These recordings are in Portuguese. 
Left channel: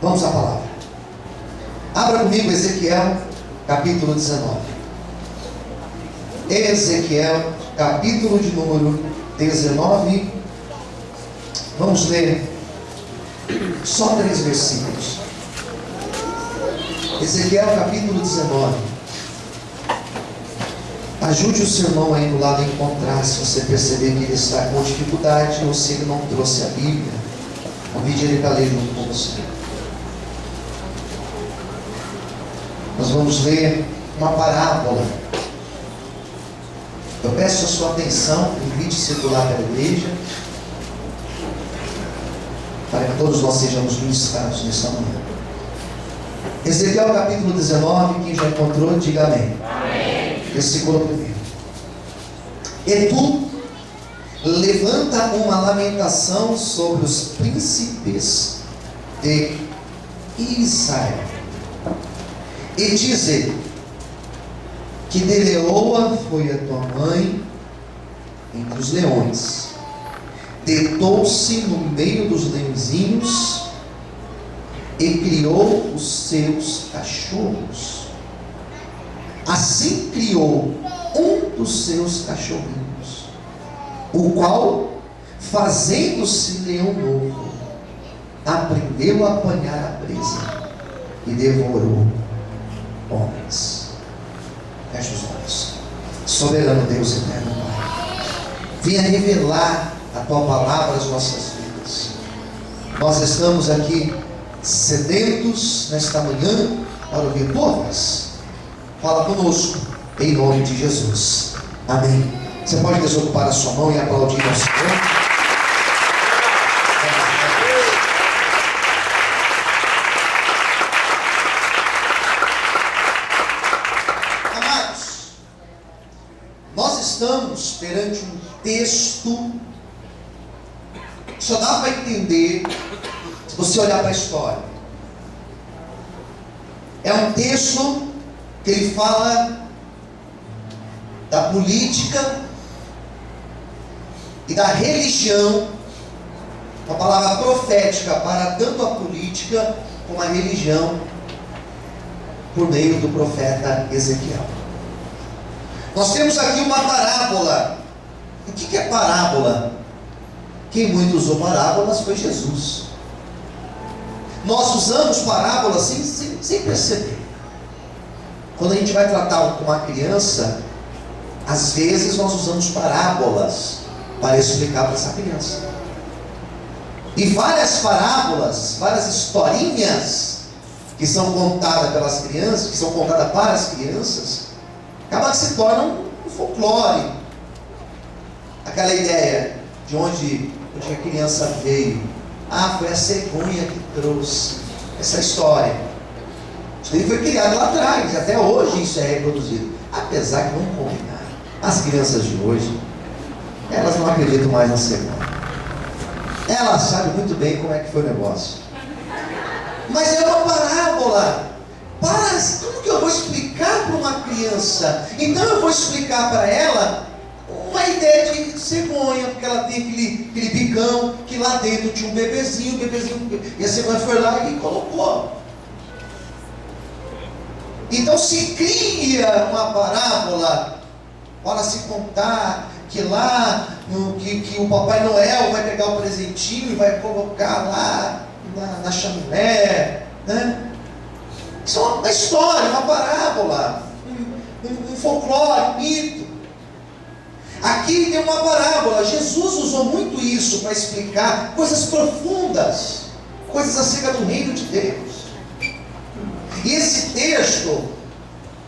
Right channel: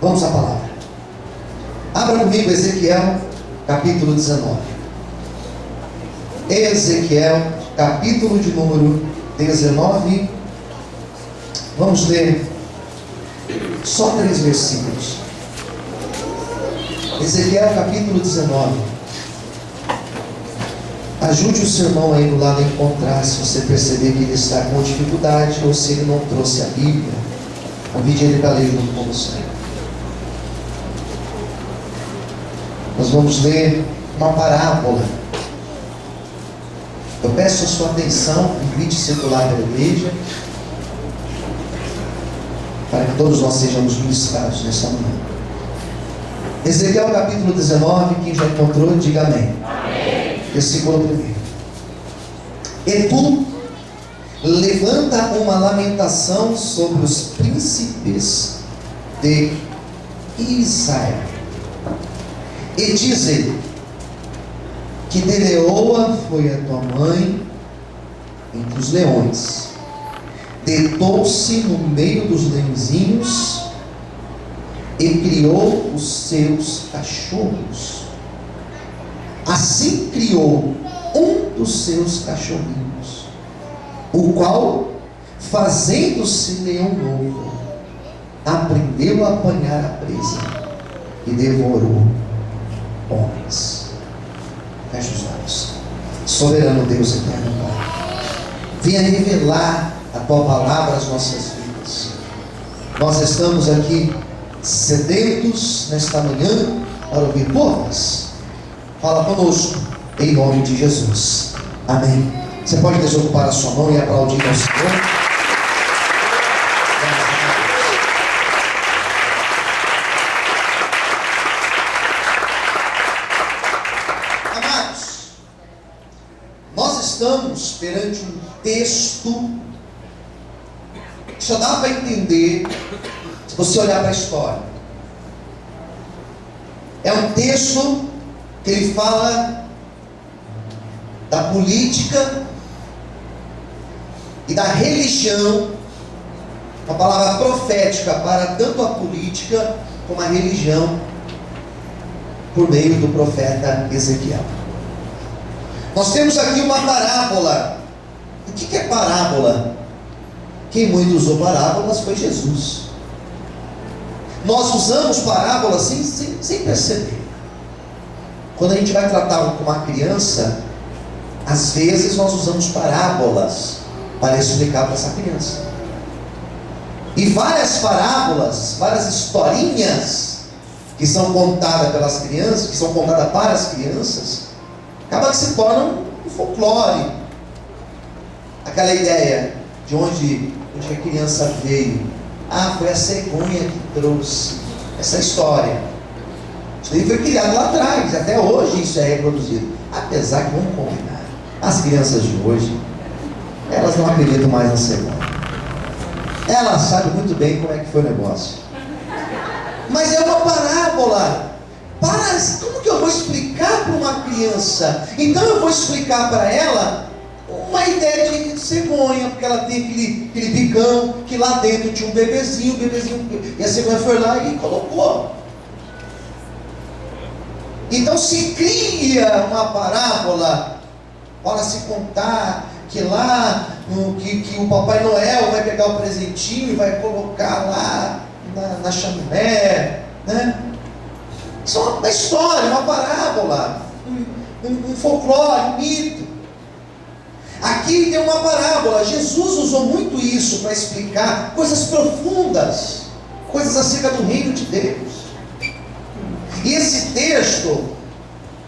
Vamos à palavra. Abra comigo Ezequiel, capítulo 19. Ezequiel, capítulo de número 19. Vamos ler só 3 versículos. Ezequiel, capítulo 19. Ajude o seu irmão aí do lado a encontrar, se você perceber que ele está com dificuldade ou se ele não trouxe a Bíblia. Convide ele para ler junto com você. Nós vamos ler uma parábola. Eu peço a sua atenção, invite circular pela igreja, para que todos nós sejamos ministrados nessa manhã. Ezequiel capítulo 19, quem já encontrou, diga amém. Amém. Versículo 1. E tu levanta uma lamentação sobre os príncipes de Israel, e diz ele, que de leoa foi a tua mãe entre os leões, deitou-se no meio dos leõezinhos e criou os seus cachorros. Assim criou um dos seus cachorrinhos, o qual, fazendo-se leão novo, aprendeu a apanhar a presa e devorou homens. Feche os olhos. Soberano Deus eterno Pai, venha revelar a tua palavra às nossas vidas. Nós estamos aqui sedentos nesta manhã para ouvir tua voz. Fala conosco em nome de Jesus. Amém. Você pode desocupar a sua mão e aplaudir ao Senhor. Estamos perante um texto que só dá para entender se você olhar para a história. É um texto que ele fala da política e da religião, uma palavra profética para tanto a política como a religião, por meio do profeta Ezequiel. Nós temos aqui uma parábola. O que é parábola? Quem muito usou parábolas foi Jesus. Nós usamos parábolas sem perceber. Quando a gente vai tratar com uma criança, às vezes nós usamos parábolas para explicar para essa criança. E várias parábolas, várias historinhas que são contadas pelas crianças, que são contadas para as crianças, acaba que se torna um folclore. Aquela ideia de onde a criança veio. Foi a cegonha que trouxe essa história. Isso aí foi criado lá atrás, até hoje isso é reproduzido. Apesar que, vamos combinar, as crianças de hoje, elas não acreditam mais na cegonha. Elas sabem muito bem como é que foi o negócio. Mas é uma parábola. Como que eu vou explicar para uma criança? Então eu vou explicar para ela uma ideia de cegonha, porque ela tem aquele bicão, que lá dentro tinha um bebezinho, e a cegonha foi lá e colocou. Então se cria uma parábola para se contar que lá, que o Papai Noel vai pegar o presentinho e vai colocar lá na chaminé, né? Isso é uma história, uma parábola, um folclore, um mito. Aqui tem uma parábola. Jesus usou muito isso para explicar coisas profundas, coisas acerca do reino de Deus. E esse texto,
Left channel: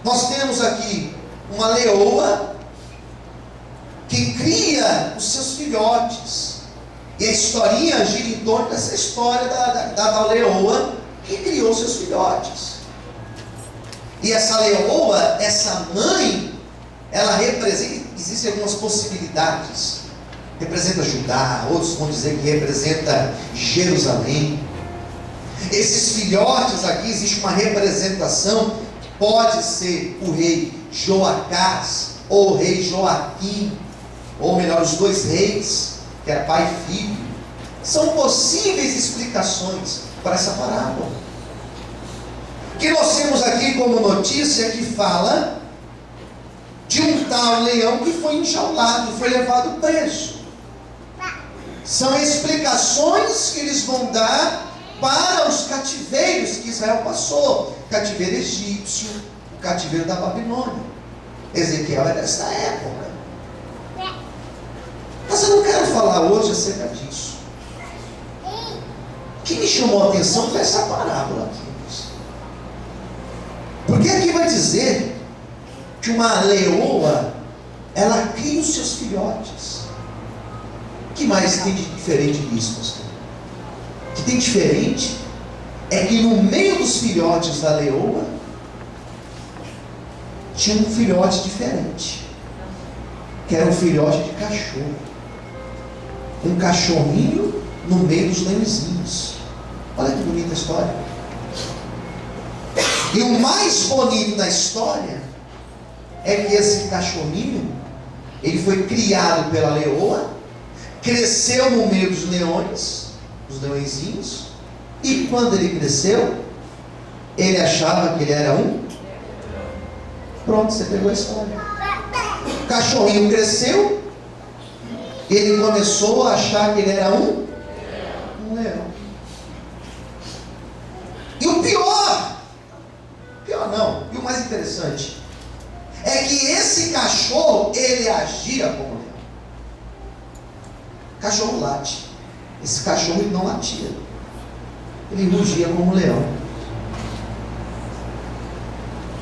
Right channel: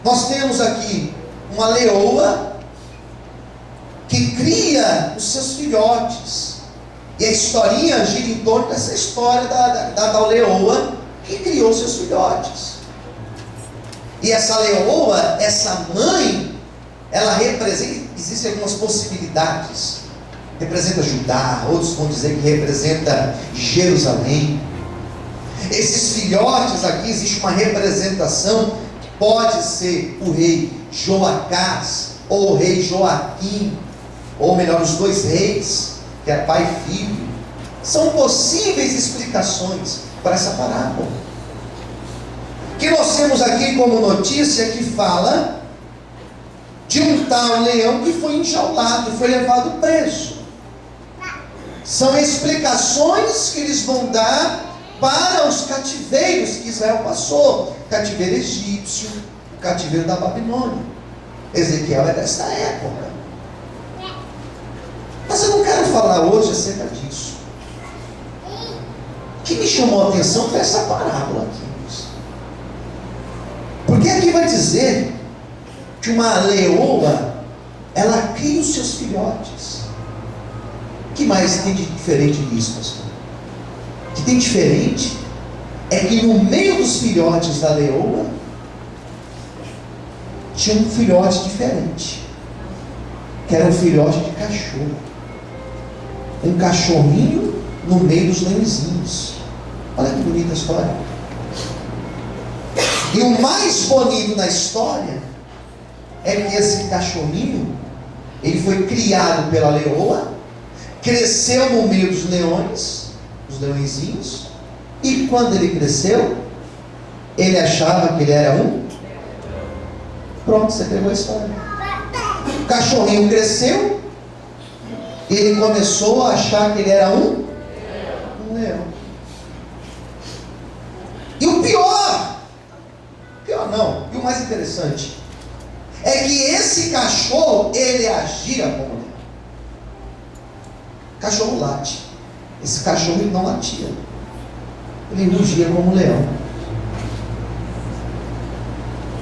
nós temos aqui uma leoa que cria os seus filhotes. E a historinha gira em torno dessa história da leoa que criou seus filhotes. E essa leoa, essa mãe, ela representa, existem algumas possibilidades. Representa Judá, outros vão dizer que representa Jerusalém. Esses filhotes aqui, existe uma representação que pode ser o rei Joacás, ou o rei Joaquim, ou melhor, os 2 reis, que é pai e filho. São possíveis explicações para essa parábola. Que nós temos aqui como notícia que fala de um tal leão que foi enjaulado, foi levado preso. São explicações que eles vão dar para os cativeiros que Israel passou. O cativeiro egípcio, o cativeiro da Babilônia. Ezequiel é dessa época. Mas eu não quero falar hoje acerca disso. O que me chamou a atenção foi essa parábola aqui. Porque aqui vai dizer que uma leoa, ela cria os seus filhotes. O que mais tem de diferente nisso, pastor? O que tem diferente é que no meio dos filhotes da leoa tinha um filhote diferente, que era um filhote de cachorro. Um cachorrinho no meio dos leõezinhos. Olha que bonita a história. E o mais bonito da história é que esse cachorrinho, ele foi criado pela leoa, cresceu no meio dos leões, os leõezinhos, e quando ele cresceu, ele achava que ele era um. Pronto, você pegou a história. O cachorrinho cresceu, ele começou a achar que ele era um leão. E o pior não, e o mais interessante é que esse cachorro, ele agia como leão. Cachorro late. Esse cachorro ele não latia, ele rugia como leão.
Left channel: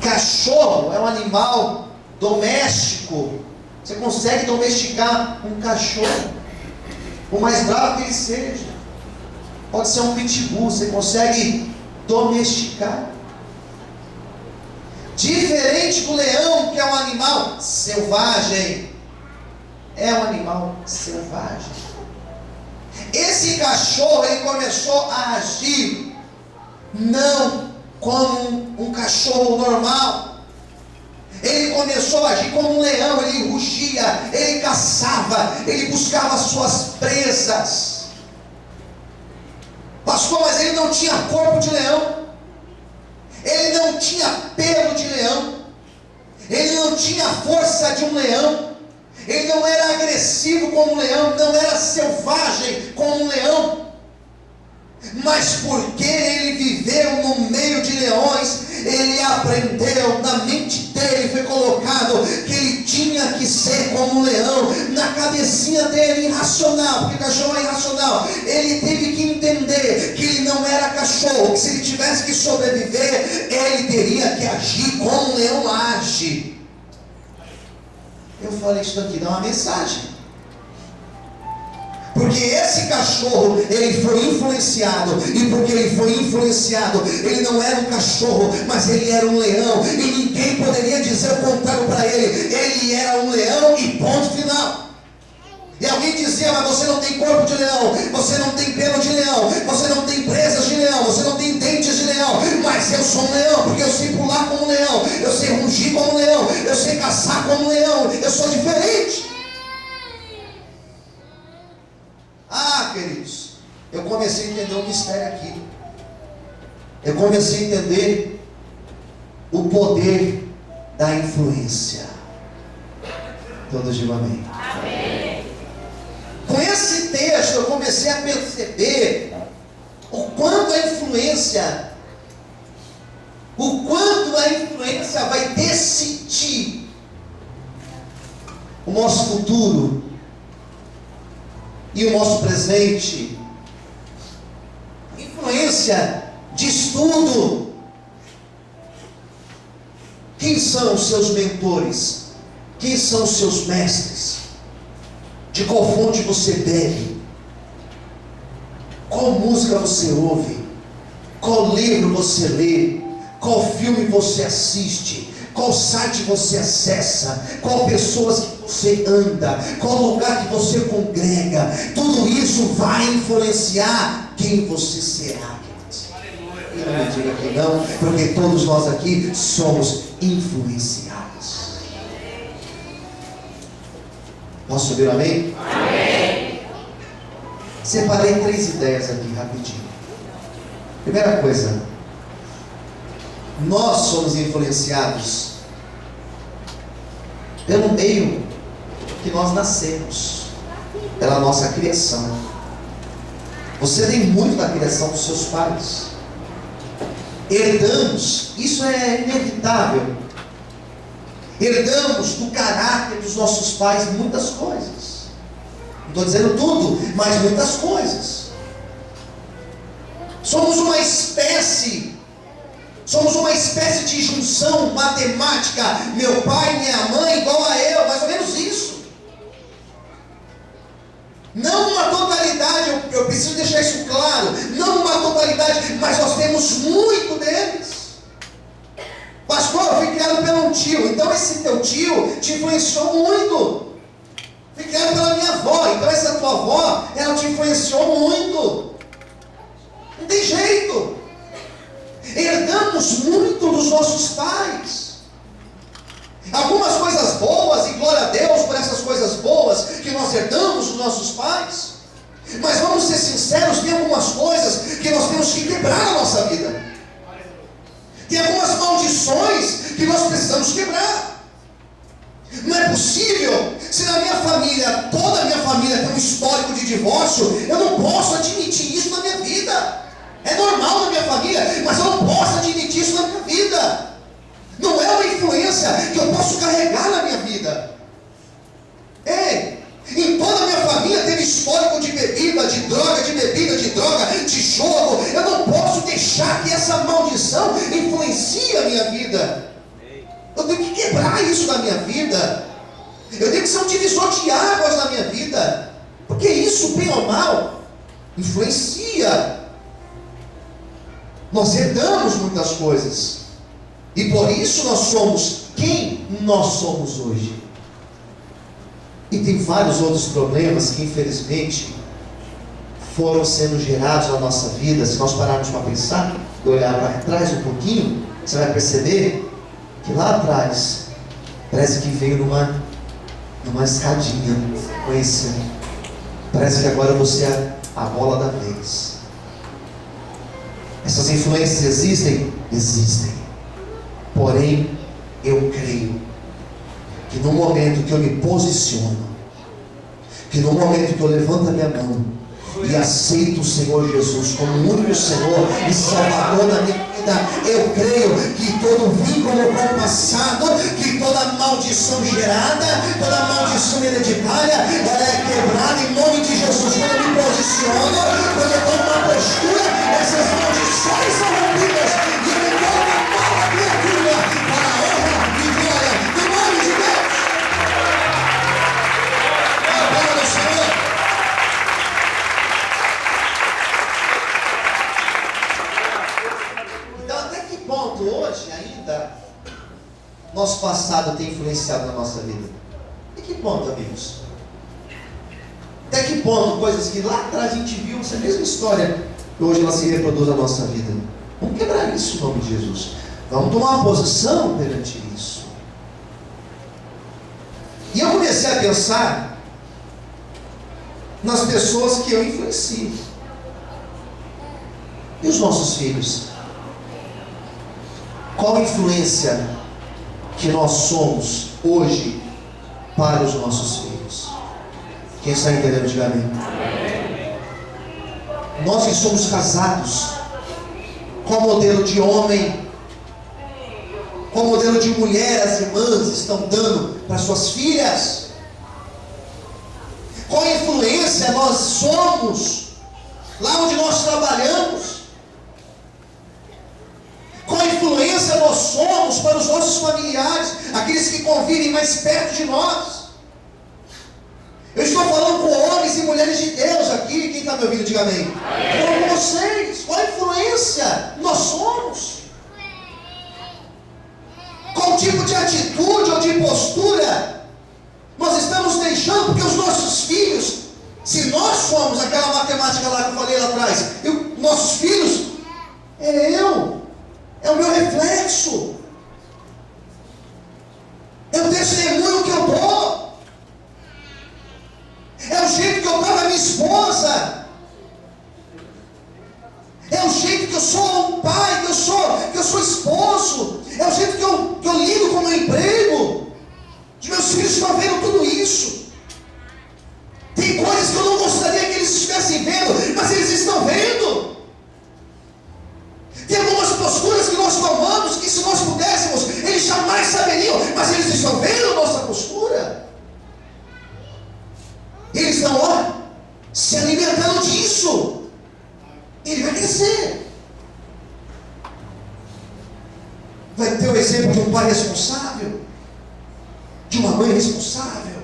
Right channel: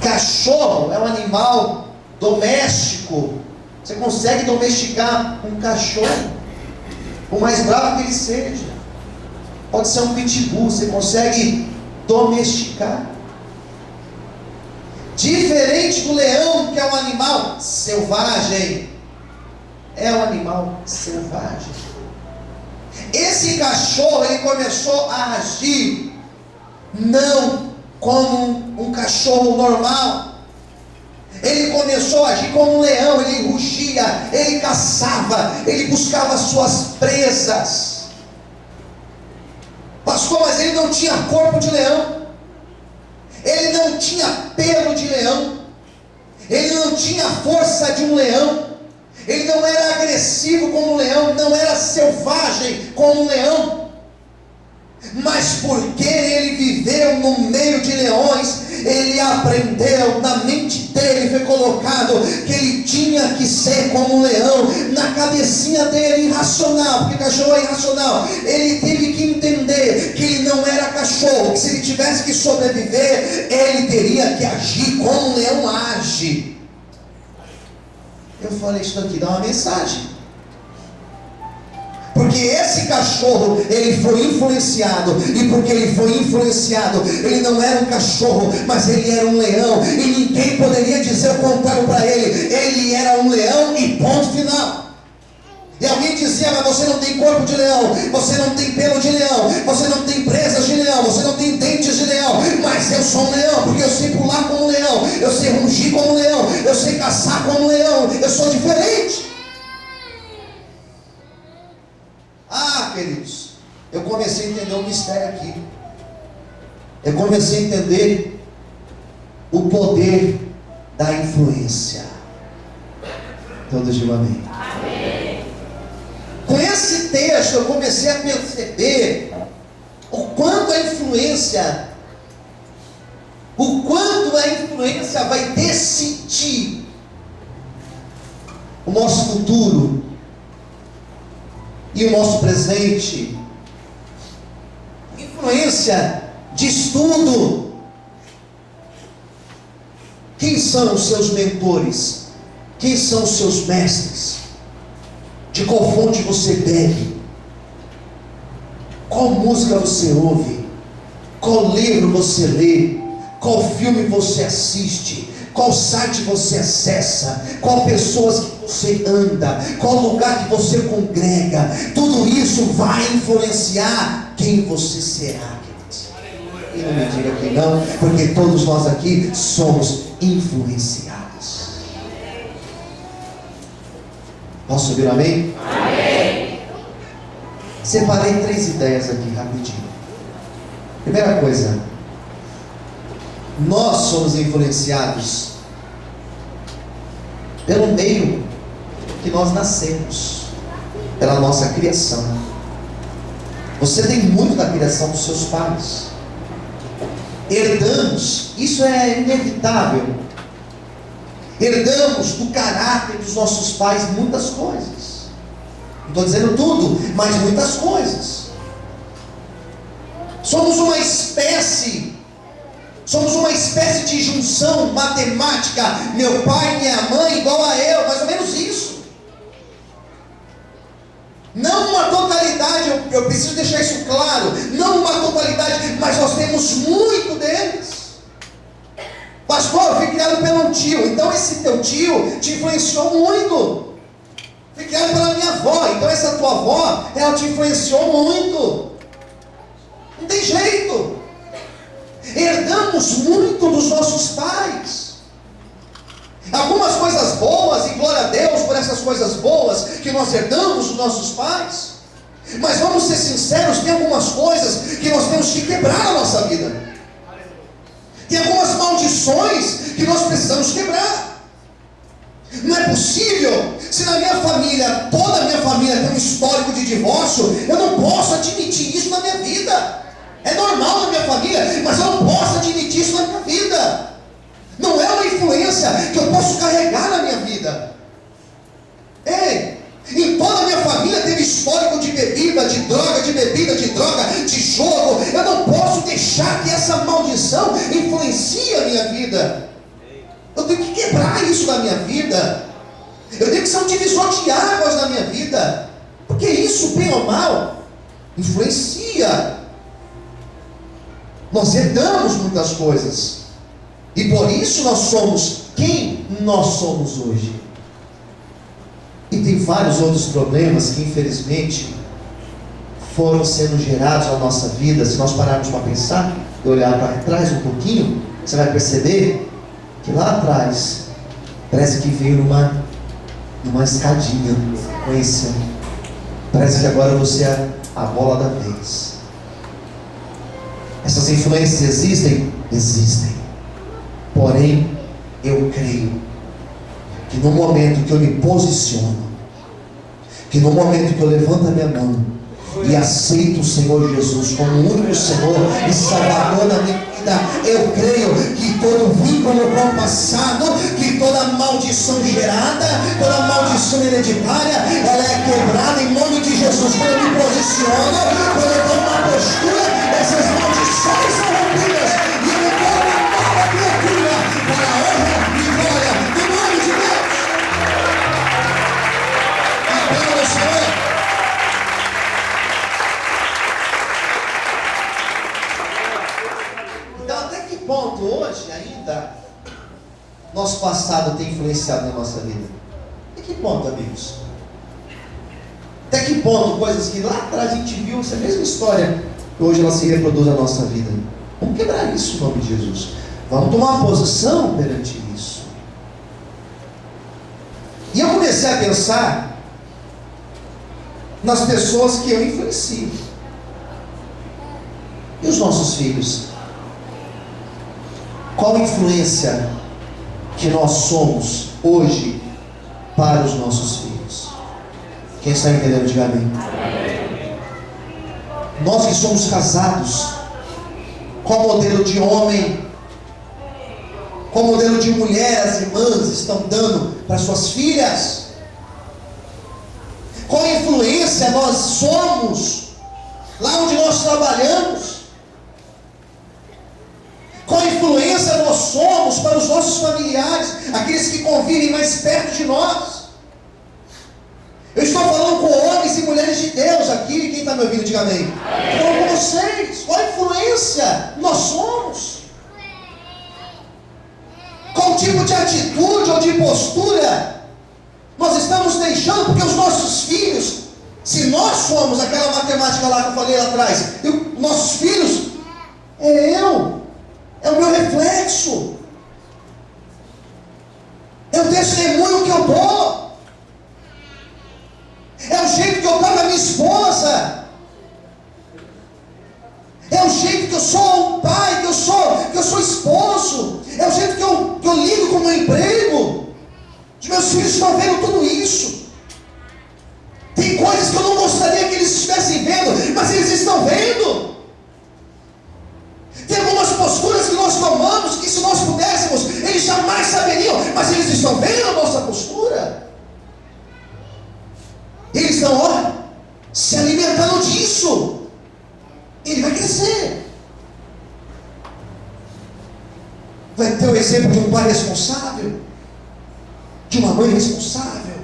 Cachorro é um animal doméstico. Você consegue domesticar um cachorro, por mais bravo que ele seja. Pode ser um pitbull, você consegue domesticar. Diferente do leão, que é um animal selvagem. É um animal selvagem. Esse cachorro, ele começou a agir não como um cachorro normal. Ele começou a agir como um leão. Ele rugia, ele caçava, ele buscava suas presas. Pastor, mas ele não tinha corpo de leão. Ele não tinha pelo de leão. Ele não tinha força de um leão. Ele não era agressivo como um leão. Não era selvagem como um leão. Mas porque ele viveu no meio de leões, ele aprendeu, na mente dele foi colocado que ele tinha que ser como um leão. Na cabecinha dele, irracional, porque cachorro é irracional, ele teve que entender que ele não era cachorro, que se ele tivesse que sobreviver, ele teria que agir como um leão age. Eu falei isso aqui, dá uma mensagem. Porque esse cachorro, ele foi influenciado. E porque ele foi influenciado, ele não era um cachorro, mas ele era um leão. E ninguém poderia dizer o contrário para ele. Ele era um leão e ponto final. E alguém dizia, mas você não tem corpo de leão, você não tem pelo de leão, você não tem presas de leão, você não tem dentes de leão. Mas eu sou um leão, porque eu sei pular como um leão, eu sei rugir como um leão, eu sei caçar como um leão. Eu sou diferente. Ah, queridos, eu comecei a entender o mistério aqui. Eu comecei a entender o poder da influência. Todos digam amém. Amém. Com esse texto eu comecei a perceber o quanto a influência vai decidir o nosso futuro e o nosso presente. Influência diz tudo. Quem são os seus mentores? Quem são os seus mestres? De qual fonte você bebe? Qual música você ouve? Qual livro você lê? Qual filme você assiste? Qual site você acessa? Qual pessoas que você anda? Qual lugar que você congrega? Tudo isso vai influenciar quem você será. E não me diga que não, porque todos nós aqui somos influenciados. Posso ouvir amém? Amém. Separei 3 ideias aqui rapidinho. Primeira coisa, nós somos influenciados pelo meio que nós nascemos, pela nossa criação. Você tem muito da criação dos seus pais. Herdamos, isso é inevitável. Herdamos do caráter dos nossos pais muitas coisas. Não estou dizendo tudo, mas muitas coisas. Somos uma espécie de junção matemática. Meu pai e minha mãe igual a eu, mais ou menos isso. Não uma totalidade, eu preciso deixar isso claro. Não uma totalidade, mas nós temos muito deles. Pastor, eu fui criado pelo tio. Então esse teu tio te influenciou muito. Fui criado pela minha avó. Então essa tua avó, ela te influenciou muito. Não tem jeito. Herdamos muito dos nossos pais. Algumas coisas boas, e glória a Deus por essas coisas boas que nós herdamos dos nossos pais. Mas vamos ser sinceros, tem algumas coisas que nós temos que quebrar na nossa vida. Tem algumas maldições que nós precisamos quebrar. Não é possível, se na minha família, toda a minha família tem um histórico de divórcio, eu não posso admitir isso na minha vida. É normal na minha família, mas eu não posso admitir isso na minha vida. Não é uma influência que eu posso carregar na minha vida. Ei, em toda a minha família teve histórico de bebida, de droga, de jogo. Eu não posso deixar que essa maldição influencie a minha vida. Eu tenho que quebrar isso na minha vida. Eu tenho que ser um divisor de águas na minha vida. Porque isso, bem ou mal, influencia. Nós herdamos muitas coisas. E por isso nós somos quem nós somos hoje. E tem vários outros problemas que infelizmente foram sendo gerados na nossa vida. Se nós pararmos para pensar e olhar para trás um pouquinho, você vai perceber que lá atrás parece que veio numa escadinha conhecendo. Parece que agora você é a bola da vez. Essas influências existem? Existem. Porém, eu creio que no momento que eu me posiciono, que no momento que eu levanto a minha mão e aceito o Senhor Jesus como o único Senhor e Salvador da minha vida, eu creio que todo vínculo com o passado, que toda maldição gerada, toda maldição hereditária, ela é quebrada em nome de Jesus. Quando eu me posiciono, quando eu tomo uma postura, essas maldições são rompidas e eu me torno uma nova criatura para a honra e glória do nome de Deus. A glória do Senhor. Então, até que ponto hoje ainda nosso passado tem influenciado na nossa vida? Até que ponto, amigos? Até que ponto coisas que lá atrás a gente viu, essa mesma história, que hoje ela se reproduz na nossa vida? Vamos quebrar isso em nome de Jesus. Vamos tomar uma posição perante isso. E eu comecei a pensar nas pessoas que eu influencio. E os nossos filhos? Qual a influência que nós somos hoje para os nossos filhos? Quem está entendendo, diga amém. Nós que somos casados, qual modelo de homem, qual modelo de mulher as irmãs estão dando para suas filhas? Qual influência nós somos lá onde nós trabalhamos? Qual influência nós somos para os nossos familiares, aqueles que convivem mais perto de nós? Eu estou falando com homens e mulheres de Deus aqui. Quem está me ouvindo, diga amém. Falando com vocês. Qual influência nós somos? Qual tipo de atitude ou de postura nós estamos deixando? Porque os nossos filhos, se nós somos aquela matemática lá que eu falei lá atrás, nossos filhos é o meu reflexo, é o testemunho que eu dou, é o jeito que eu dou com a minha esposa, é o jeito que eu sou estão vendo tudo isso. Tem coisas que eu não gostaria que eles estivessem vendo, mas eles estão vendo. Tem algumas posturas que nós tomamos, que se nós pudéssemos, eles jamais saberiam, mas eles estão vendo a nossa postura. Eles estão, ó, se alimentando disso. Ele vai crescer. Vai ter o exemplo de um pai responsável, de uma mãe responsável,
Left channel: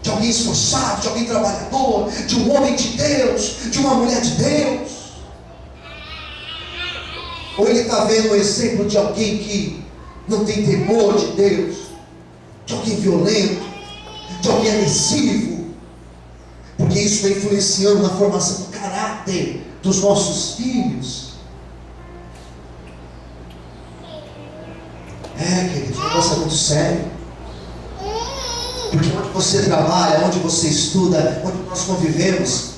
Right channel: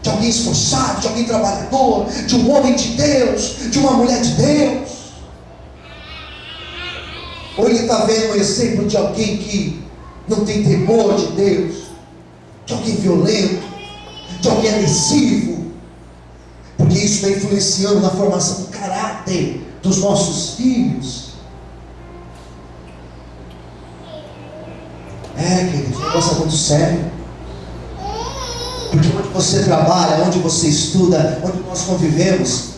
de alguém esforçado, de alguém trabalhador, de um homem de Deus, de uma mulher de Deus. Ou ele está vendo o exemplo de alguém que não tem temor de Deus, de alguém violento, de alguém agressivo, porque isso vai influenciando na formação do caráter dos nossos filhos. Querido, o negócio é muito sério. Porque onde você trabalha, onde você estuda, onde nós convivemos,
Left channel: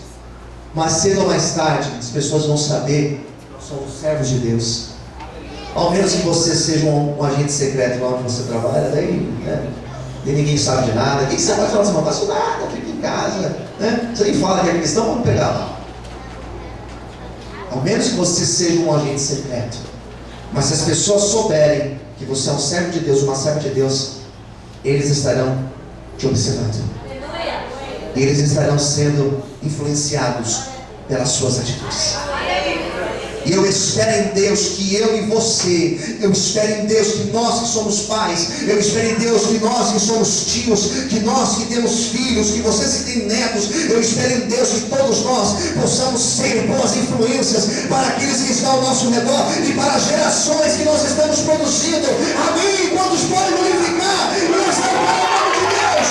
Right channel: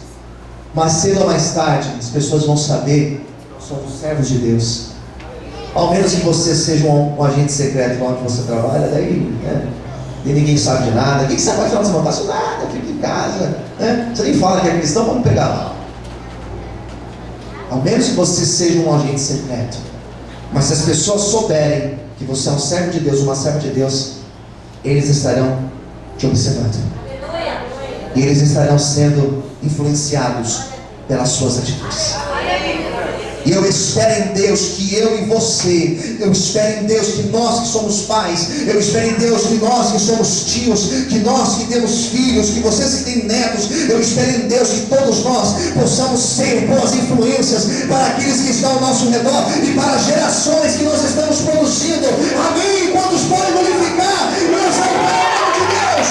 mais cedo ou mais tarde, as pessoas vão saber que nós somos servos de Deus. Ao menos que você seja um agente secreto lá onde você trabalha, daí, né? E ninguém sabe de nada. O que você vai falar assim? Não faço nada, fica em casa, né? Você nem fala que é cristão, vamos pegar lá. Ao menos que você seja um agente secreto. Mas se as pessoas souberem que você é um servo de Deus, uma serva de Deus, eles estarão te observando. E eles estarão sendo influenciados pelas suas atitudes. E eu espero em Deus que eu e você, eu espero em Deus que nós que somos pais, eu espero em Deus que nós que somos tios, que nós que temos filhos, que vocês que têm netos, eu espero em Deus que todos nós possamos ser boas influências para aqueles que estão ao nosso redor e para as gerações que nós estamos produzindo. Amém? Quantos podem glorificar e exaltar o nome de Deus?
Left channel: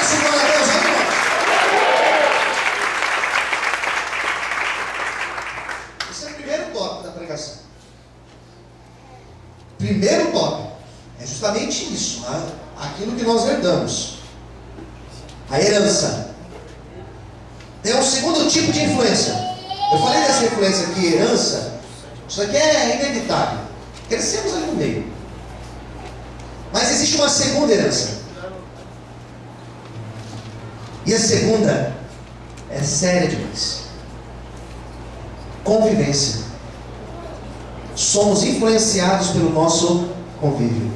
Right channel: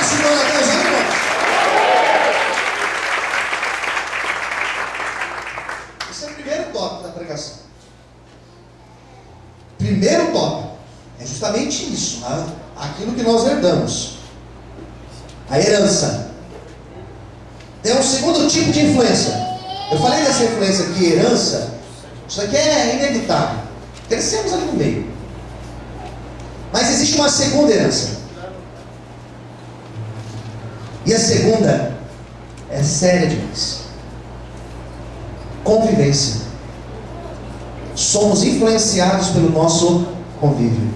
Esse não é Deus aí, irmão. Tópico da pregação. Primeiro tópico é justamente isso, né? Aquilo que nós herdamos, a herança. Tem um segundo tipo de influência. Eu falei dessa influência aqui, herança. Isso aqui é inevitável, crescemos ali no meio. Mas existe uma segunda herança, e a segunda é séria demais. Convivência. Somos influenciados pelo nosso convívio.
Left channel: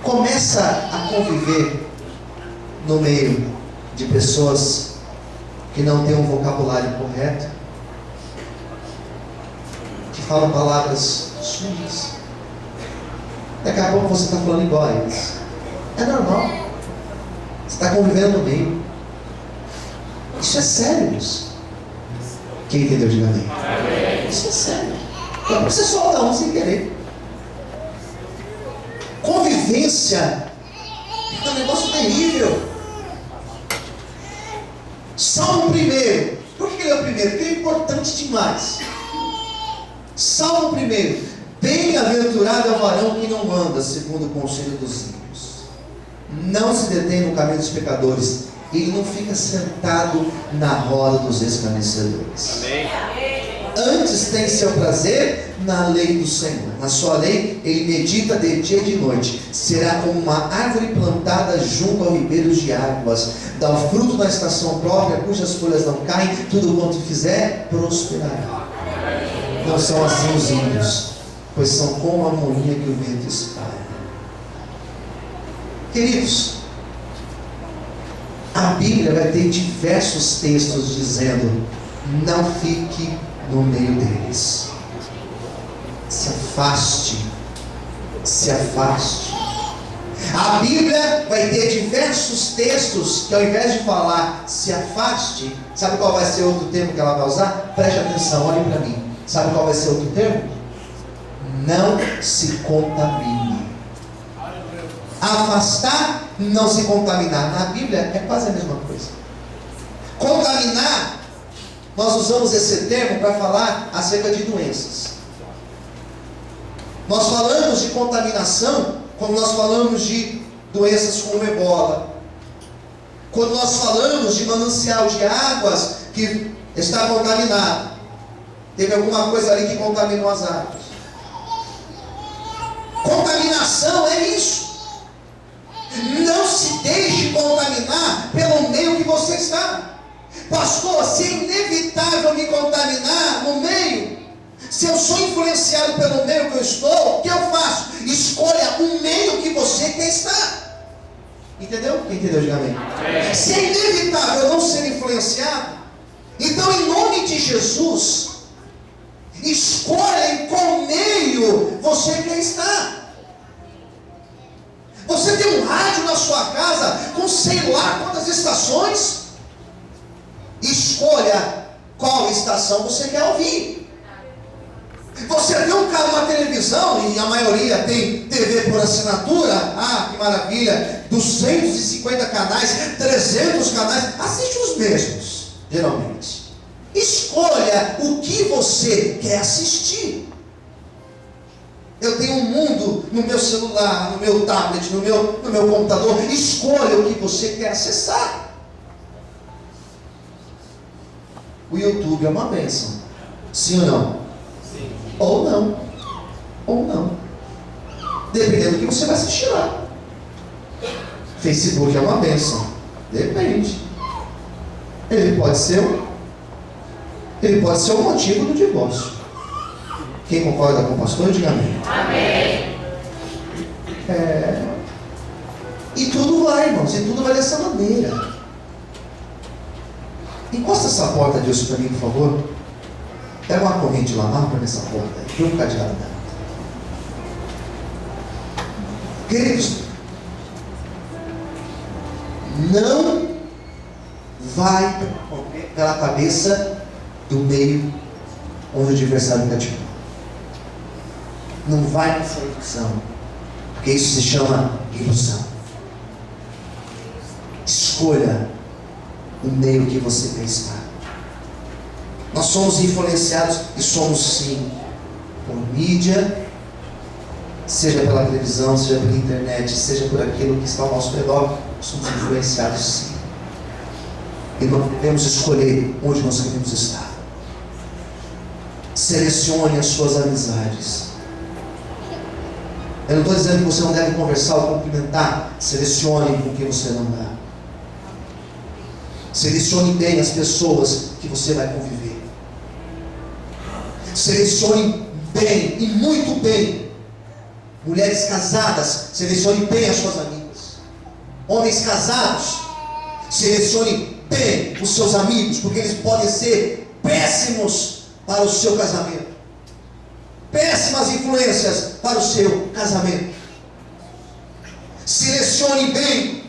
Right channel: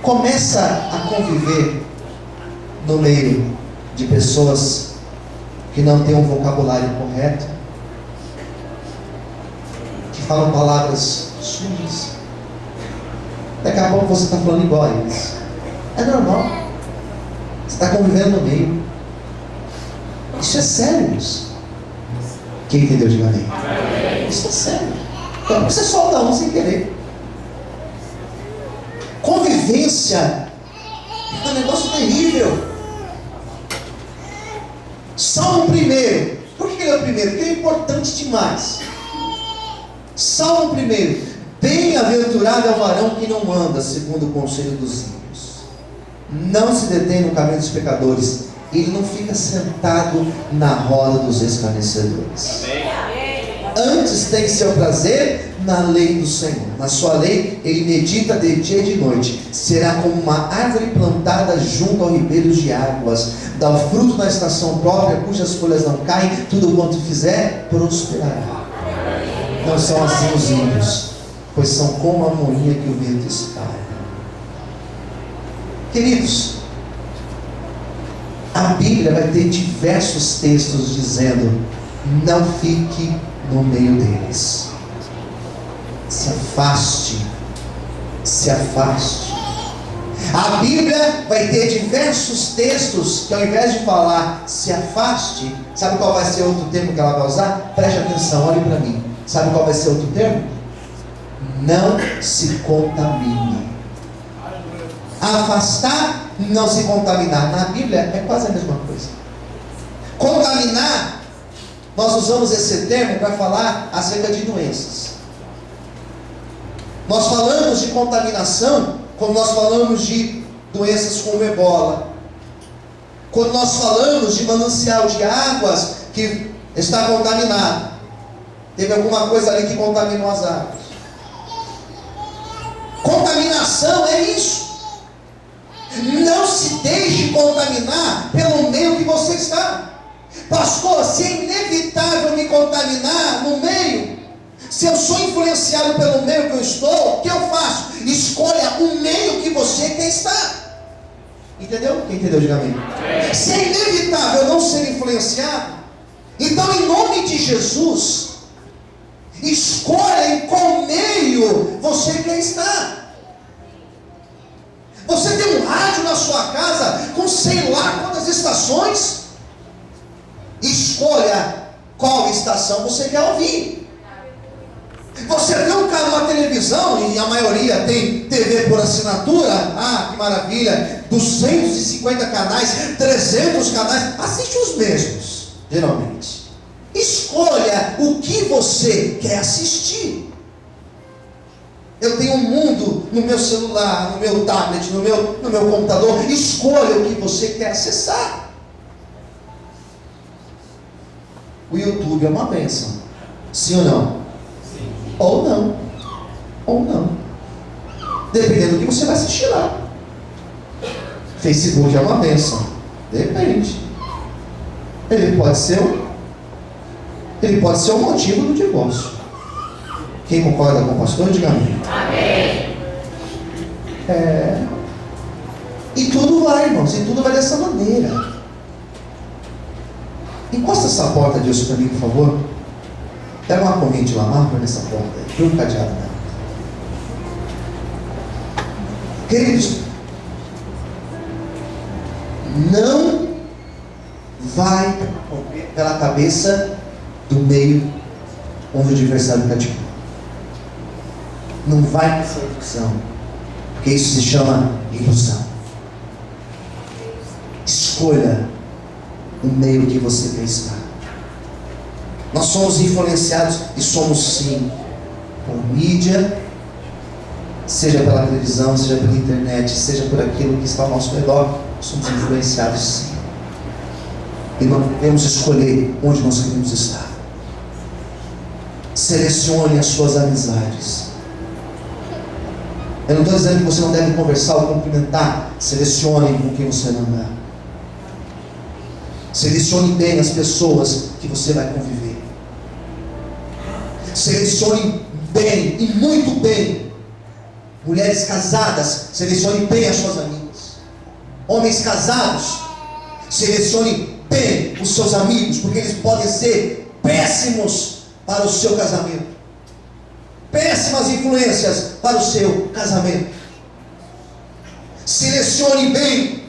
Começa a conviver no meio de pessoas que não têm um vocabulário correto, que falam palavras sujas. Daqui a pouco você está falando igual a eles. É normal. Você está convivendo no meio. Isso é sério, isso. Quem entendeu, diga amém. Isso é sério. Então você solta um sem querer. Convivência é um negócio terrível. Salmo 1. Por que ele é o primeiro? Porque ele é importante demais. Salmo 1. Bem-aventurado é o varão que não anda segundo o conselho dos ímpios, não se detém no caminho dos pecadores, ele não fica sentado na roda dos escarnecedores. Antes tem seu prazer na lei do Senhor, na sua lei ele medita de dia e de noite. Será como uma árvore plantada junto ao ribeiro de águas, dá o fruto na estação própria, cujas folhas não caem, tudo quanto fizer prosperará. Não são assim os ímpios, pois são como a moinha que o vento espalha. Queridos, a Bíblia vai ter diversos textos dizendo: não fique no meio deles. Se afaste. Se afaste. A Bíblia vai ter diversos textos que, ao invés de falar se afaste, sabe qual vai ser outro termo que ela vai usar? Preste atenção, olhe para mim. Sabe qual vai ser outro termo? Não se contamine. Afastar, não se contaminar. Na Bíblia é quase a mesma coisa. Contaminar, nós usamos esse termo para falar acerca de doenças. Nós falamos de contaminação quando nós falamos de doenças como ebola, quando nós falamos de manancial de águas que está contaminado. Teve alguma coisa ali que contaminou as águas. Contaminação é isso. Não se deixe contaminar pelo meio que você está. Pastor, se é inevitável me contaminar no meio, se eu sou influenciado pelo meio que eu estou, o que eu faço? Escolha o meio que você quer estar. Entendeu? Quem entendeu, diga amém. Se é inevitável não ser influenciado, então em nome de Jesus, escolha em qual meio você quer estar. Você tem um rádio na sua casa com sei lá quantas estações. Escolha qual estação você quer ouvir. Você tem uma televisão, e a maioria tem TV por assinatura. Ah, que maravilha, 250 canais, 300 canais, assiste os mesmos, geralmente. Escolha o que você quer assistir. Eu tenho um mundo no meu celular, no meu tablet, no meu computador. Escolha o que você quer acessar. O YouTube é uma bênção. Sim ou não? Sim. Ou não. Ou não. Dependendo do que você vai assistir lá. Facebook é uma bênção. Depende. Ele pode ser o motivo do divórcio. Quem concorda com o pastor, diga amém. Amém. E tudo vai, irmãos. E tudo vai dessa maneira. Encosta essa porta, Deus, para mim, por favor. Pega uma corrente lá, marca nessa porta aí. Põe um cadeado nela. Queridos, não vai pela cabeça do meio onde o adversário está te pondo. Não vai nessa ilusão, porque isso se chama ilusão. Escolha o meio que você quer estar. Nós somos influenciados, e somos sim, por mídia, seja pela televisão, seja pela internet, seja por aquilo que está ao nosso redor. Somos influenciados sim. E nós devemos escolher onde nós queremos estar. Selecione as suas amizades. Eu não estou dizendo que você não deve conversar ou cumprimentar. Selecione com quem você não dá. Selecione bem as pessoas que você vai conviver. Selecione bem, e muito bem. Mulheres casadas, selecione bem as suas amigas. Homens casados, selecione bem os seus amigos, porque eles podem ser péssimos para o seu casamento. Péssimas influências para o seu casamento. Selecione bem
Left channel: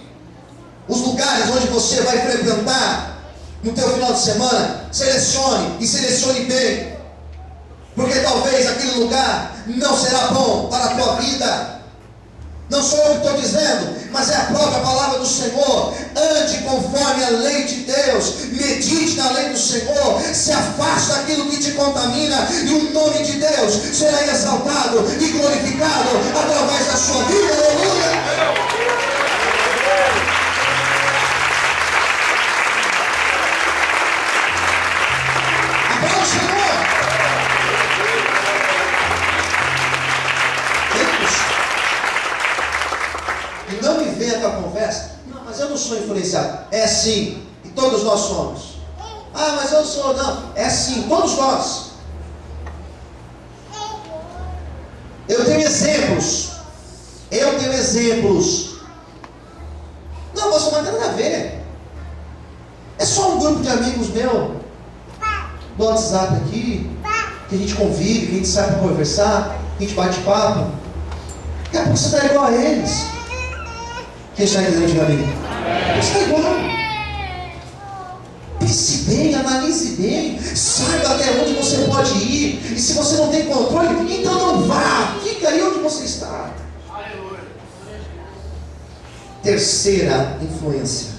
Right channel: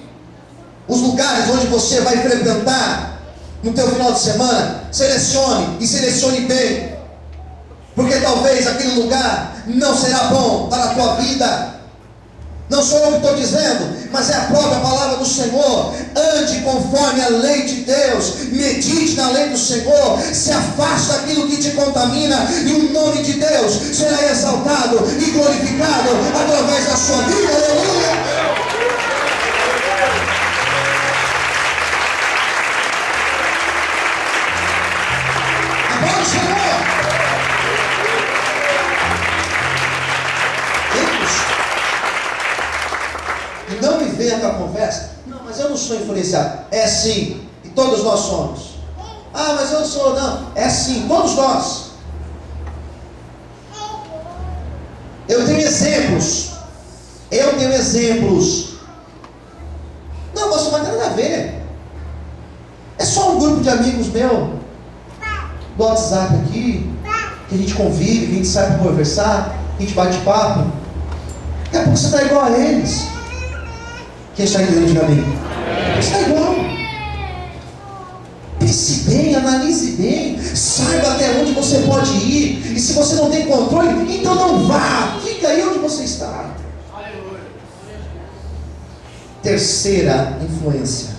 os lugares onde você vai frequentar no teu final de semana. Selecione bem, porque talvez aquele lugar não será bom para a tua vida. Não sou eu que estou dizendo, mas é a própria palavra do Senhor. Ande conforme a lei de Deus, medite na lei do Senhor, se afaste daquilo que te contamina, e o nome de Deus será exaltado e glorificado através da sua vida. Aleluia! Agora o Senhor. E não me venha com a conversa. Não, mas eu não sou influenciado. É sim, e todos nós somos. Ah, mas eu sou, não. É sim, todos nós. Eu tenho exemplos. Não, pastor, mas não tem nada a ver. É só um grupo de amigos meu do WhatsApp aqui, que a gente convive, que a gente sai para conversar, que a gente bate papo. Daqui a pouco você está igual a eles. Quem está entendendo, diga amém. Você está igual. Pense bem, analise bem, saiba até onde você pode ir. E se você não tem controle, então não vá. Fica aí onde você está. Terceira influência.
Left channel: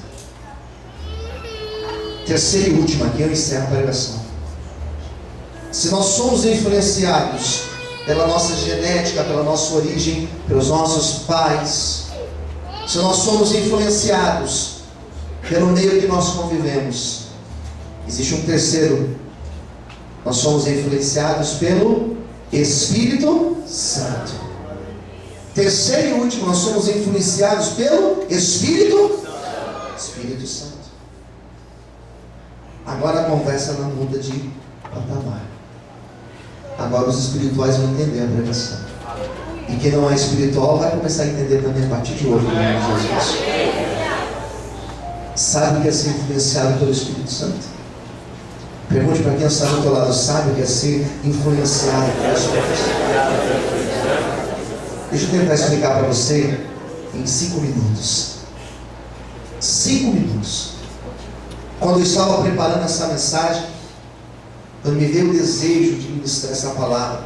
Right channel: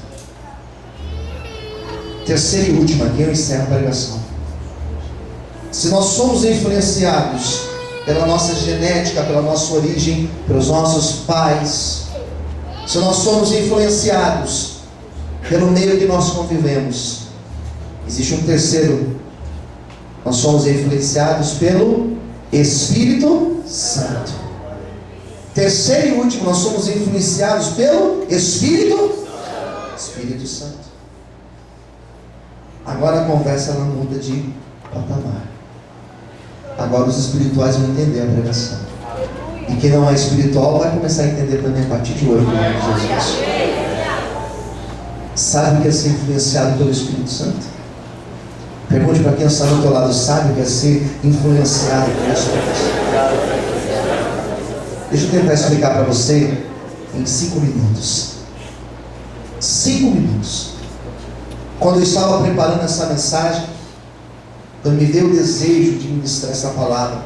Terceira e última, aqui eu encerro a pregação. Se nós somos influenciados pela nossa genética, pela nossa origem, pelos nossos pais, se nós somos influenciados pelo meio que nós convivemos, existe um terceiro Nós somos influenciados pelo Espírito Santo. Terceiro e último, nós somos influenciados pelo Espírito Santo. Agora a conversa não muda de patamar. Agora os espirituais vão entender a pregação. E quem não é espiritual vai começar a entender também a partir de hoje, no nome de Jesus. Sabe o que é ser influenciado pelo Espírito Santo? Pergunte para quem está do teu lado, sabe o que é ser influenciado pelo Espírito Santo? Deixa eu tentar explicar para você em 5 minutos. 5 minutos. Quando eu estava preparando essa mensagem, quando me veio o desejo de ministrar essa palavra,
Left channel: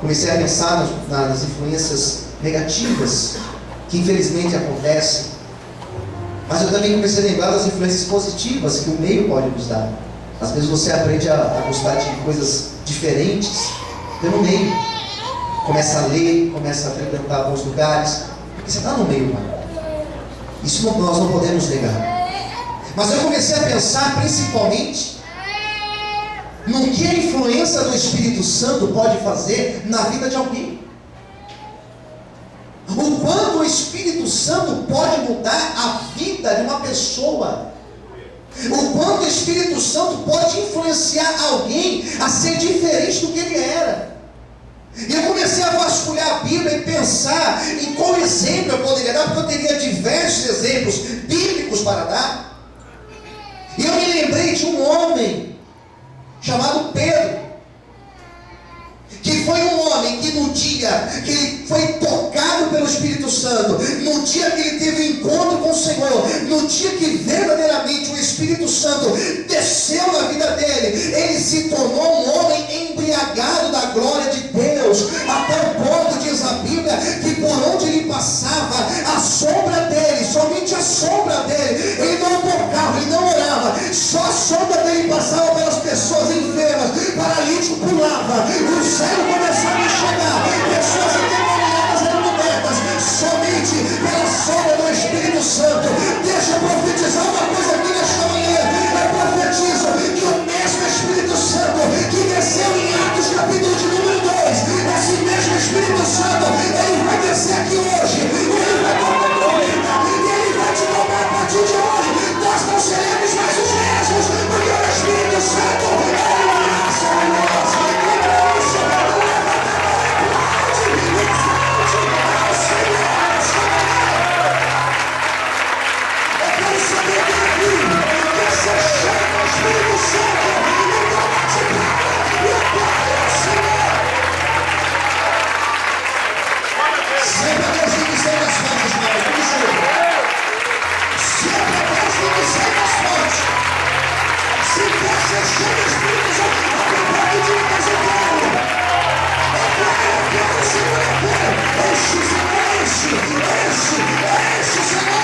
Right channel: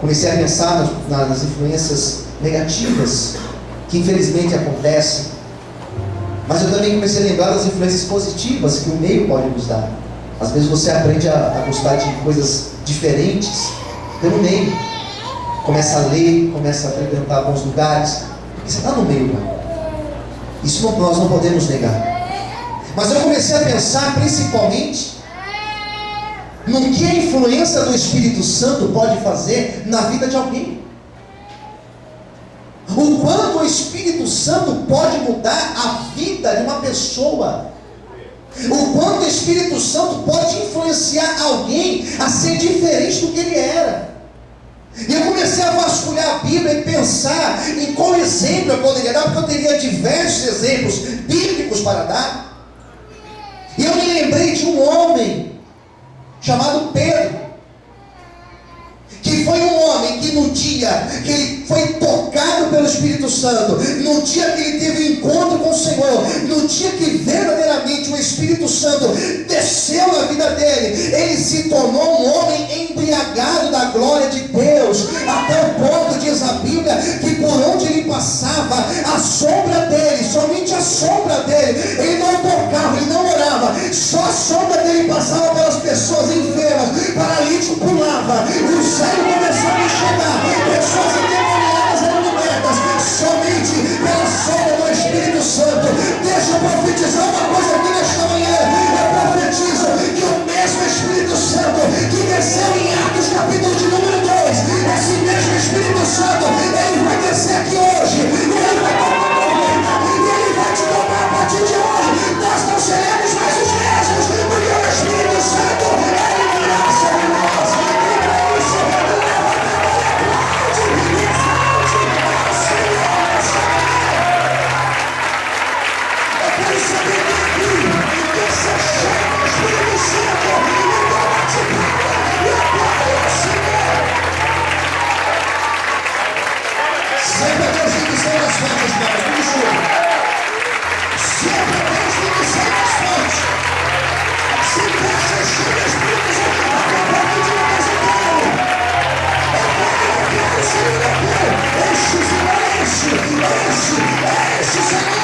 comecei a pensar nas influências negativas que infelizmente acontecem, mas eu também comecei a lembrar das influências positivas que o meio pode nos dar. Às vezes você aprende a gostar de coisas diferentes pelo meio. Começa a ler, começa a frequentar alguns lugares, porque você está no meio lá. Isso nós não podemos negar. Mas eu comecei a pensar principalmente no que a influência do Espírito Santo pode fazer na vida de alguém. O quanto o Espírito Santo pode mudar a vida de uma pessoa. O quanto o Espírito Santo pode influenciar alguém a ser diferente do que ele era. E eu comecei a vasculhar a Bíblia e pensar em qual exemplo eu poderia dar, porque eu teria diversos exemplos bíblicos para dar. E eu me lembrei de um homem chamado Pedro, que foi um homem que no dia que ele foi tocado pelo Espírito Santo, no dia que ele teve um encontro com o Senhor, no dia que verdadeiramente o Espírito Santo desceu na vida dele, ele se tornou um homem embriagado da glória de Deus, até o ponto, diz a Bíblia, que por onde ele passava, a sombra dele, somente a sombra dele, ele não tocava, ele não orava, só a sombra dele passava pelas pessoas enfermas, paralítico pulava, o céu começava a enxergar, pessoas endemoniadas eram libertas, somente pela sombra do Espírito Santo. Deixa eu profetizar uma coisa aqui nesta manhã. Eu profetizo que o mesmo Espírito Santo que desceu em Atos capítulo de número 2, esse mesmo Espírito Santo, ele vai descer aqui hoje, e ele vai tocar a trombeta, e ele vai te tomar a partir de hoje. Nós não seremos mais os mesmos, porque o Espírito Santo, ele virá sobre nós. E para isso, levanta a mão, aplaude, exalte ao Senhor. Eu quero saber daqui, que você chama o Espírito Santo, então bate palma e aplaude ao Senhor. Sempre a Deus tem que ser mais forte, irmão. Vamos junto. Sempre a Deus tem que ser mais forte. Se você chega o Espírito Santo, eu quero, Senhor, eu quero. Enche, Senhor, enche, Senhor.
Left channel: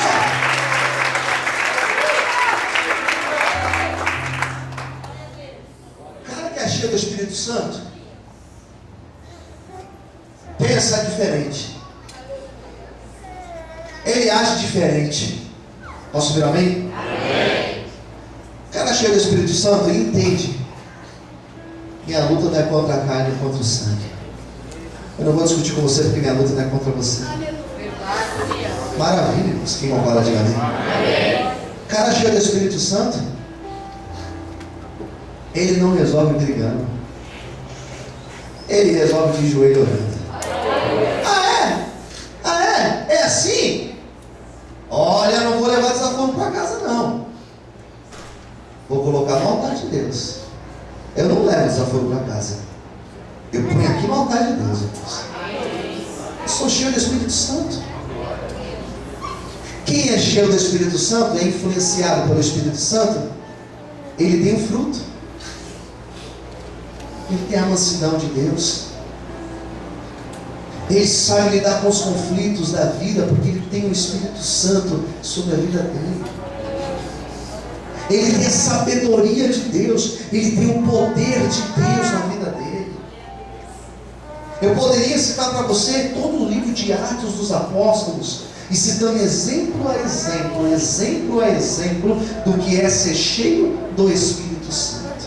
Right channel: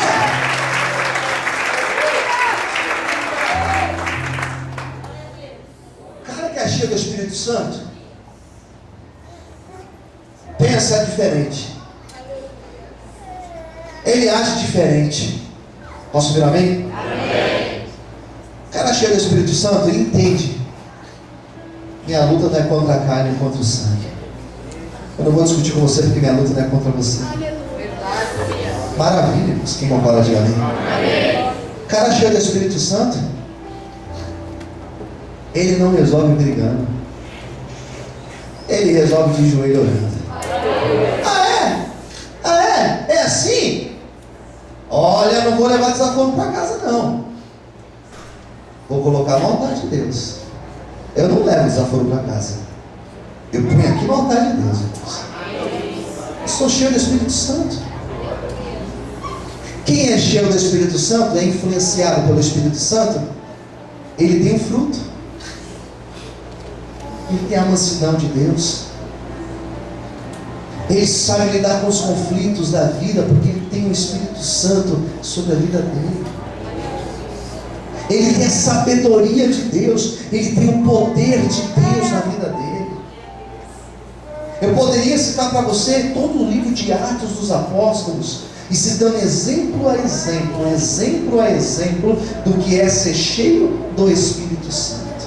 O cara que é cheio do Espírito Santo pensa diferente. Ele age diferente. Posso ouvir amém? Amém. O cara cheio do Espírito Santo, ele entende. Minha luta não é contra a carne, é contra o sangue. Eu não vou discutir com você porque minha luta não é contra você. Maravilha, irmãos. Quem concorda, diga amém. Amém. O cara cheio do Espírito Santo, ele não resolve brigando. Ele resolve de joelho orando. É assim? Olha, eu não vou levar desaforo para casa não. Vou colocar no altar de Deus. Eu não levo desaforo para casa. Eu ponho aqui no altar de Deus. Eu sou cheio do Espírito Santo. Quem é cheio do Espírito Santo, é influenciado pelo Espírito Santo, ele tem um fruto. Ele tem a mansidão de Deus. Ele sabe lidar com os conflitos da vida, porque ele tem o Espírito Santo sobre a vida dele. Ele tem a sabedoria de Deus, ele tem o poder de Deus na vida dele. Eu poderia citar para você todo o livro de Atos dos Apóstolos, e citando exemplo a exemplo do que é ser cheio do Espírito Santo.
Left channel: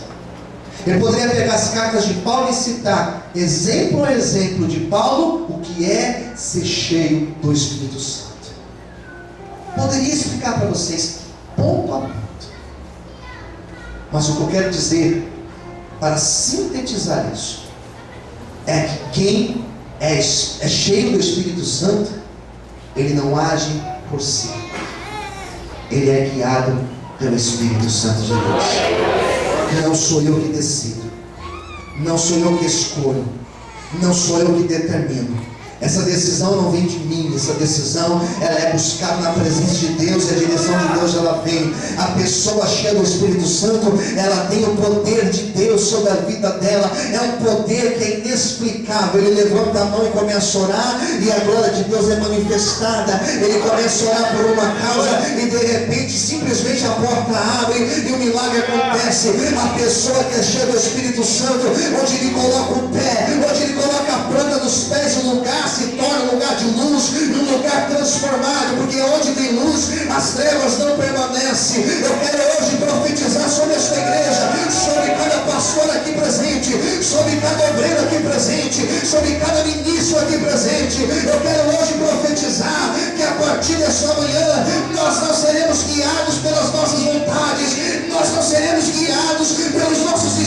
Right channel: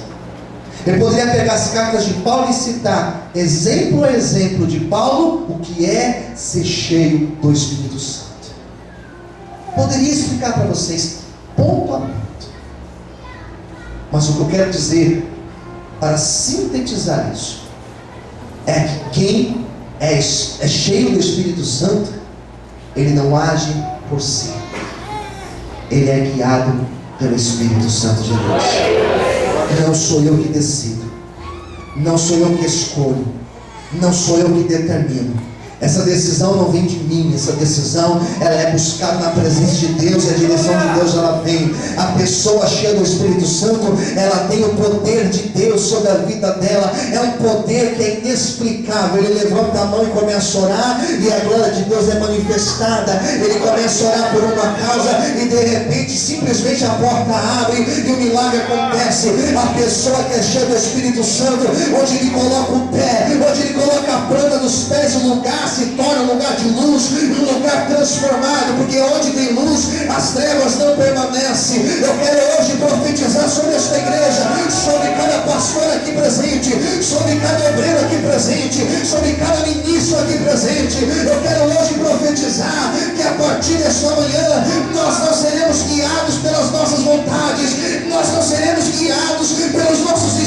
Ele poderia pegar as cartas de Paulo e citar, exemplo a exemplo de Paulo, o que é ser cheio do Espírito Santo. Poderia explicar para vocês, ponto a ponto. Mas o que eu quero dizer, para sintetizar isso, é que quem é cheio do Espírito Santo, ele não age por si. Ele é guiado pelo Espírito Santo de Deus. Não sou eu que decido, não sou eu que escolho, não sou eu que determino. Essa decisão não vem de mim, essa decisão ela é buscada na presença de Deus, e a direção de Deus ela vem. A pessoa cheia do Espírito Santo, ela tem o poder de Deus sobre a vida dela, é um poder que é inexplicável. Ele levanta a mão e começa a orar, e a glória de Deus é manifestada. Ele começa a orar por uma causa, e de repente, simplesmente a porta abre, e o milagre acontece. A pessoa que é cheia do Espírito Santo, onde ele coloca o pé, onde ele coloca a planta dos pés, o lugar se torna um lugar de luz, um lugar transformado, porque onde tem luz, as trevas não permanecem. Eu quero hoje profetizar sobre esta igreja, sobre cada pastor aqui presente, sobre cada obreiro aqui presente, sobre cada ministro aqui presente. Eu quero hoje profetizar que a partir desta manhã, nós não seremos guiados pelas nossas vontades, nós não seremos guiados pelos nossos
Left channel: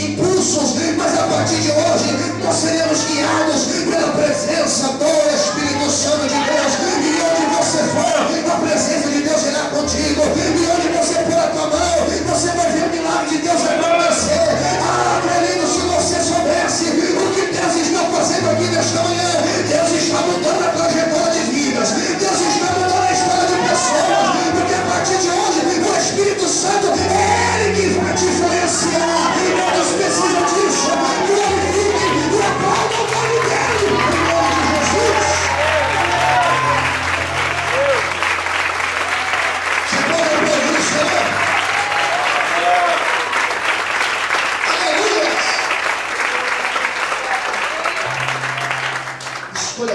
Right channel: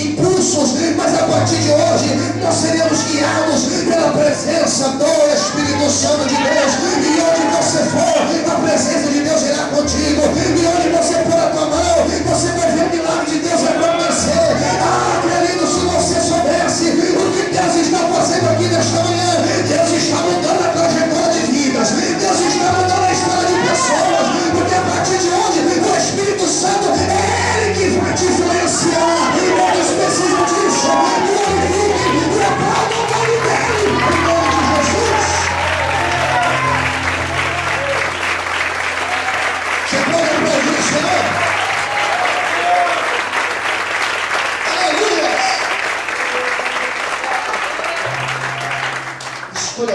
impulsos, mas a partir de hoje, nós seremos guiados pela presença do Espírito Santo de Deus. E onde você for, a presença de Deus irá contigo. E onde você pôr a tua mão, você vai ver o milagre de Deus acontecer. Ah, querido, se você soubesse o que Deus está fazendo aqui nesta manhã, Deus está mudando a trajetória de vidas, Deus está mudando a história de pessoas, porque a partir de hoje, o Espírito Santo é Ele que vai te influenciar. E todos precisam disso. Glorifique e aplauda o nome dEle, em nome de Jesus. Você pode aplaudir o Senhor? Aleluia! Escolha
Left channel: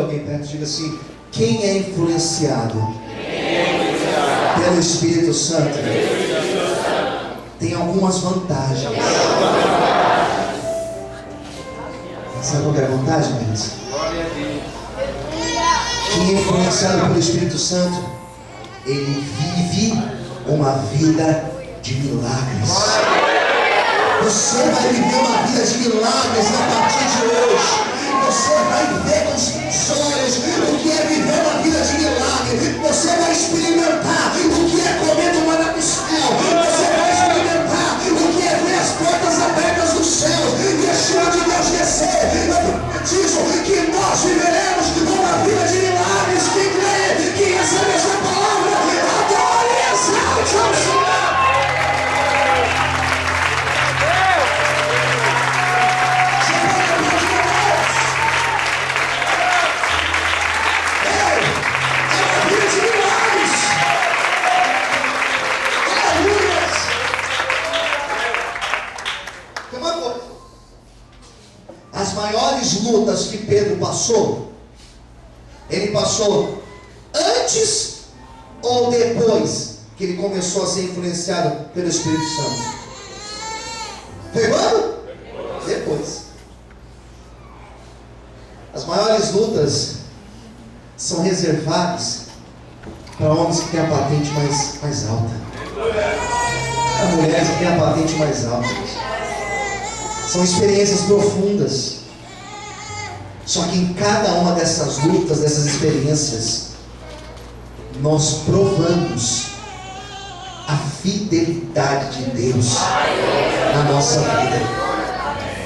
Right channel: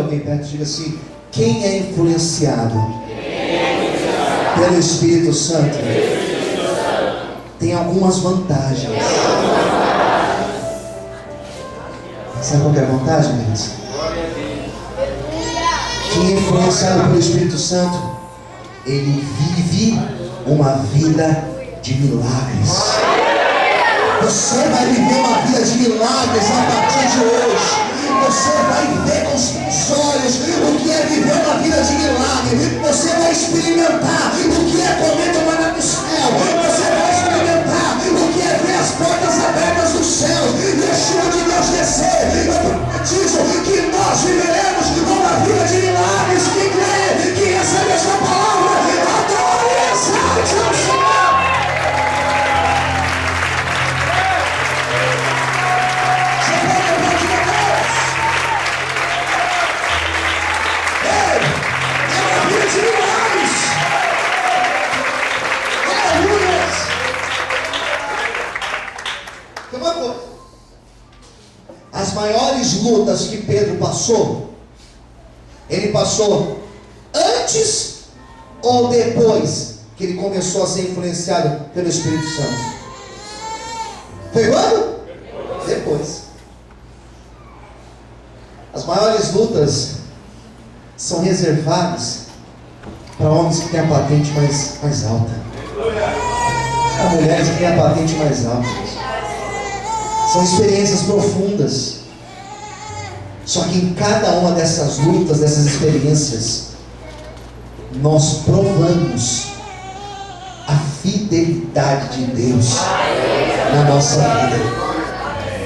alguém perto e diga assim: quem é influenciado pelo Espírito Santo tem algumas vantagens. Sabe qual é a vantagem, queridos? Quem é influenciado pelo Espírito Santo, ele vive uma vida de milagres. Você vai viver uma vida de milagres a partir de hoje. Você vai ver com os seus olhos o que é viver uma vida de milagre. Você vai experimentar o que é comer do maná do céu. Você vai experimentar o que é ver as portas abertas do céu e a chuva de Deus descer. Eu profetizo que nós viveremos uma vida de milagres. Quem crê, que recebe essa palavra, adore e exalte ao Senhor. As maiores lutas que Pedro passou, ele passou antes ou depois que ele começou a ser influenciado pelo Espírito Santo? Foi quando? Depois. As maiores lutas são reservadas para homens que têm a patente mais alta, para mulheres que têm a patente mais alta. São experiências profundas. Só que em cada uma dessas lutas, dessas experiências, nós provamos a fidelidade de Deus na nossa vida.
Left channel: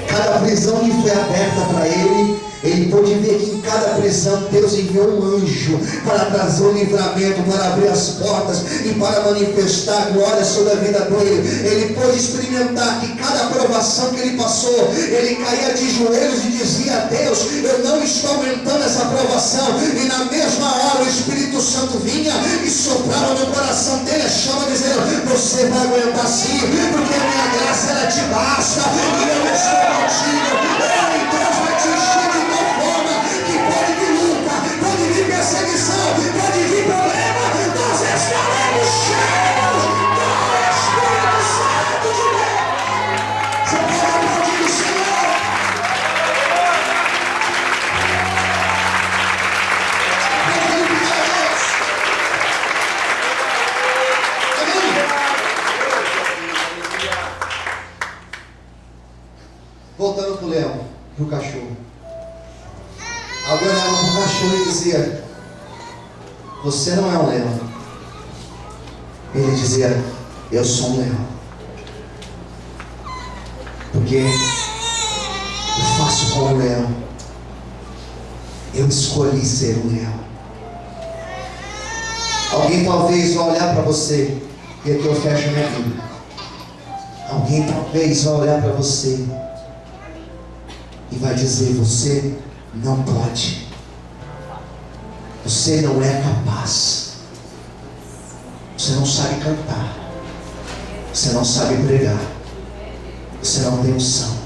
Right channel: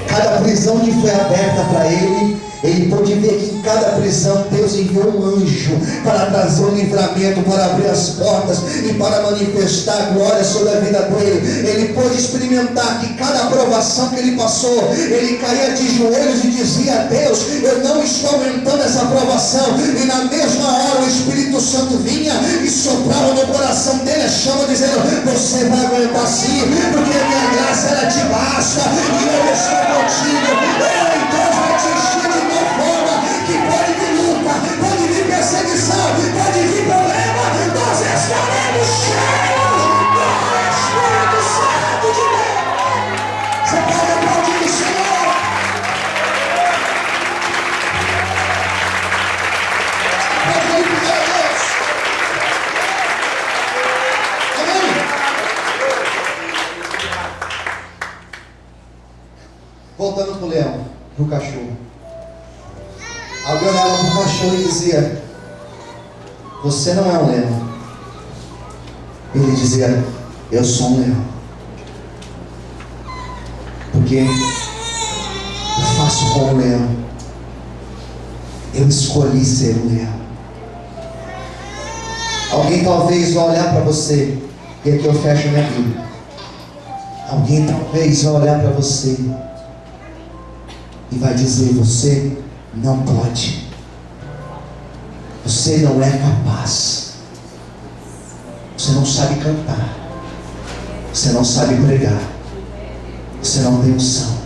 Cada prisão que foi aberta para ele pôde ver que em cada prisão Deus enviou um anjo para trazer o livramento, para abrir as portas e para manifestar a glória sobre a vida dele. Ele pôde experimentar que cada provação que ele passou, ele caía de joelhos e dizia: Deus, eu não estou aguentando essa provação. E na mesma hora o Espírito Santo vinha e soprava no coração dele a chama, dizendo: você vai aguentar sim, porque a minha graça ela te basta e eu estou contigo. Ei, Deus vai te encher de tal forma que pode vir luta, pode vir perseguição, pode vir problema, nós estaremos cheios do Espírito Santo de Deus. para o cachorro. Alguém olhava para o cachorro e dizia: você não é um leão. Ele dizia: eu sou um leão, porque eu faço como um leão. Eu escolhi ser um leão. Alguém talvez vai olhar para você, e aqui eu fecho a minha Bíblia. Alguém talvez vai olhar para você e vai dizer: você não pode, você não é capaz, você não sabe cantar, você não sabe pregar, você não tem unção.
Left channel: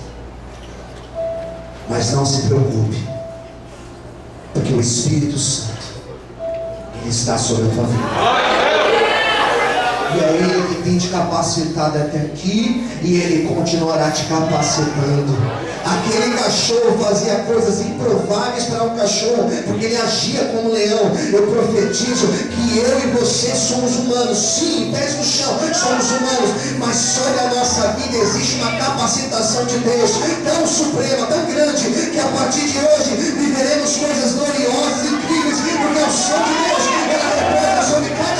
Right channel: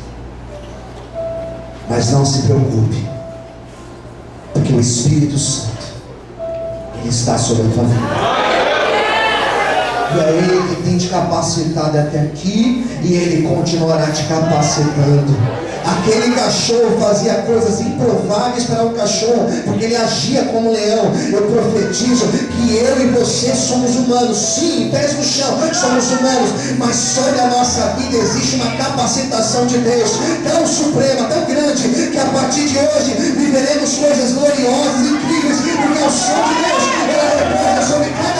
Mas não se preocupe, porque o Espírito Santo, Ele está sobre a tua vida. E é Ele que tem te capacitado até aqui, e Ele continuará te capacitando. Aquele cachorro fazia coisas improváveis para um cachorro, porque ele agia como um leão. Eu profetizo que eu e você somos humanos, sim, pés no chão, somos humanos, mas sobre a nossa vida existe uma capacitação de Deus tão suprema, tão grande, que a partir de hoje viveremos coisas gloriosas, incríveis, porque o som de Deus, ela repousa sobre cada